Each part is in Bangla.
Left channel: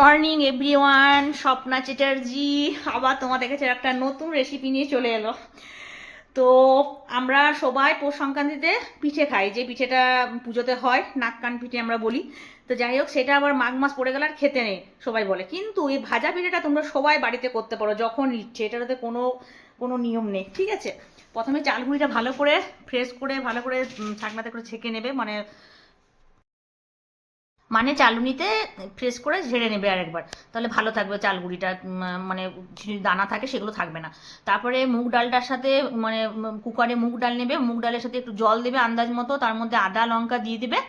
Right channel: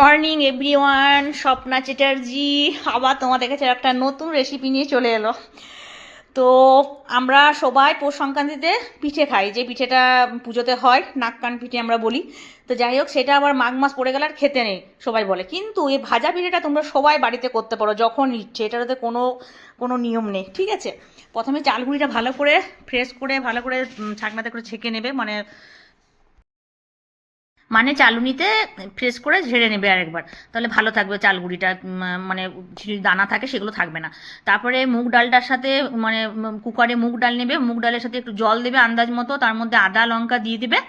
মর্নিং এভরিওয়ান, স্বপ্না চ্যাটার্জি আবার তোমাদের কাছে একটা নতুন রেসিপি নিয়ে চলে এলো। তো আমরা সবাই পৌষ সংক্রান্তিতে পিঠে খাই, যে পিঠেটা পুজোতে হয়, নাক কান পিঠে আমরা বলি। তো যাই হোক, সেটা আবার মাঘ মাস পড়ে গেলে আর খেতে নেই সবাই বলে। কিন্তু এই ভাজা পিঠেটা তোমরা সবাই বাড়িতে করতে পারো যখন ইচ্ছে, এটাতে কোনো কোনো নিয়ম নেই, ঠিক আছে? প্রথমে চালগুড়িটা ভালো করে ফ্রেশ করে ভালো করে ছাঁকনাতে করে ছেঁকে নেবে, মানে মানে চালুনিতে ফ্রেশ করে ঝেড়ে নেবে আরেকবার, তাহলে ভালো থাকবে চালগুড়িটা। মানে যদি দানা থাকে সেগুলো থাকবে না। তারপরে মুগ ডালটার সাথে মানে কুকারে মুগ ডাল নেবে, মুগ ডালের সাথে একটু জল দেবে আন্দাজ মতো, তার মধ্যে আদা লঙ্কা দিয়ে দেবে,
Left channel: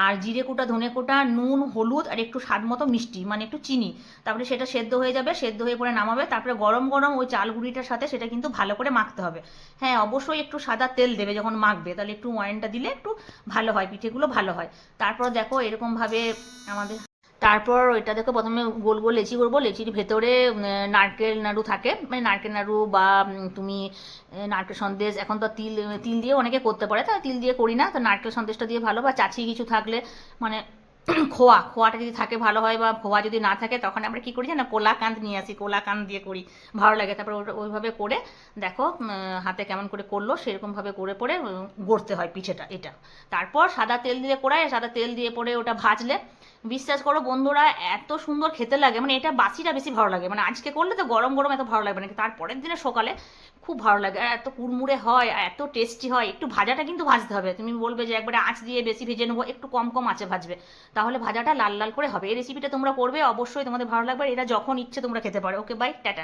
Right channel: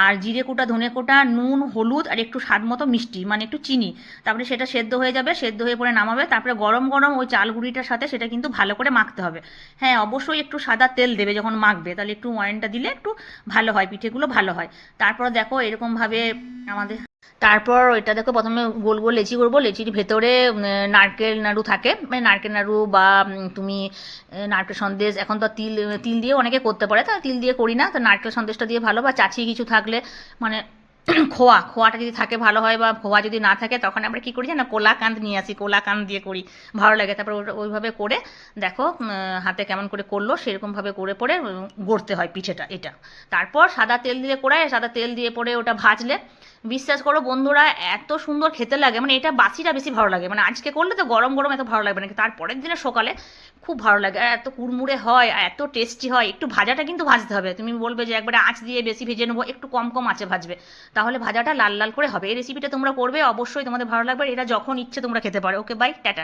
আর জিরে কোটা ধনে কোটা নুন হলুদ আর একটু স্বাদ মতো মিষ্টি মানে একটু চিনি। তারপরে সেটা সেদ্ধ হয়ে যাবে, সেদ্ধ হয়ে পরে নামাবে। তারপরে গরম গরম ওই চালগুড়িটার সাথে সেটা কিন্তু ভালো করে মাখতে হবে। হ্যাঁ, অবশ্যই একটু সাদা তেল দেবে যখন মাখবে, তাহলে একটু ময়ানটা দিলে একটু ভালো হয়, পিঠেগুলো ভালো হয়। তারপর দেখো এরকমভাবে আমাদের, তারপর ওইটা দেখো প্রথমে গোল গোল লেচি করবো, লেচির ভেতরে নারকেল নাড়ু থাকে, মানে নারকেল নাড়ু বা তুমি নারকেল সন্দেশ, এখন তো তিল তিল দিয়ে অনেকে করতে পারে, তা তিল দিয়ে করি না, তো নারকেল সন্দেশটা দিয়ে ভালো, বা চাচি কিছু থাকলে মানে খোয়াটা যদি থাকে ভালো হয়, বা খোয়া যদি না থাকে তখন আমরা কি করি না, কোলাকান্দ নিয়ে আসি, কোলাকান্দ দিয়ে করি, ভালো লাগে। তারপর ওইভাবে করে দেখো হাতে কেমন করে করলো সেরকমভাবে করে পরে গড়তে হয় পিঠেটা এটা। তারপর সাদা তেল দিয়ে কড়ায় সাদা তেল দিয়ে পরে ওটা ভাজলে বিশ্বাস করো বন্ধুরা, এত সুন্দর খেতে লাগে, মানে এটা বাসিটা বেশি ভালো লাগে, মানে আজকে করলে তো গরম গরম এত ভালো লাগবে না, তারপরের দিনে সকালে খুব ভালো লাগে, আর এত কুড়মুড়ে হয় আর এত টেস্টি হয়। একটু ভাজাটা কিন্তু ভাজতে হবে, তুমি বলবে যে একবারে আঁচ দিয়ে বেশি ভেজে নেবো, একটু কম কম আঁচে ভাজবে, তাহলে ভাজাটা লাল লাল করে হবে। এই রেসিপিটা তোমরা করবে, অবশ্যই তোমাদের ভালো লাগবে, এটা যখন ইচ্ছে তোমরা খেতে পারো। ওকে, বাই, টাটা।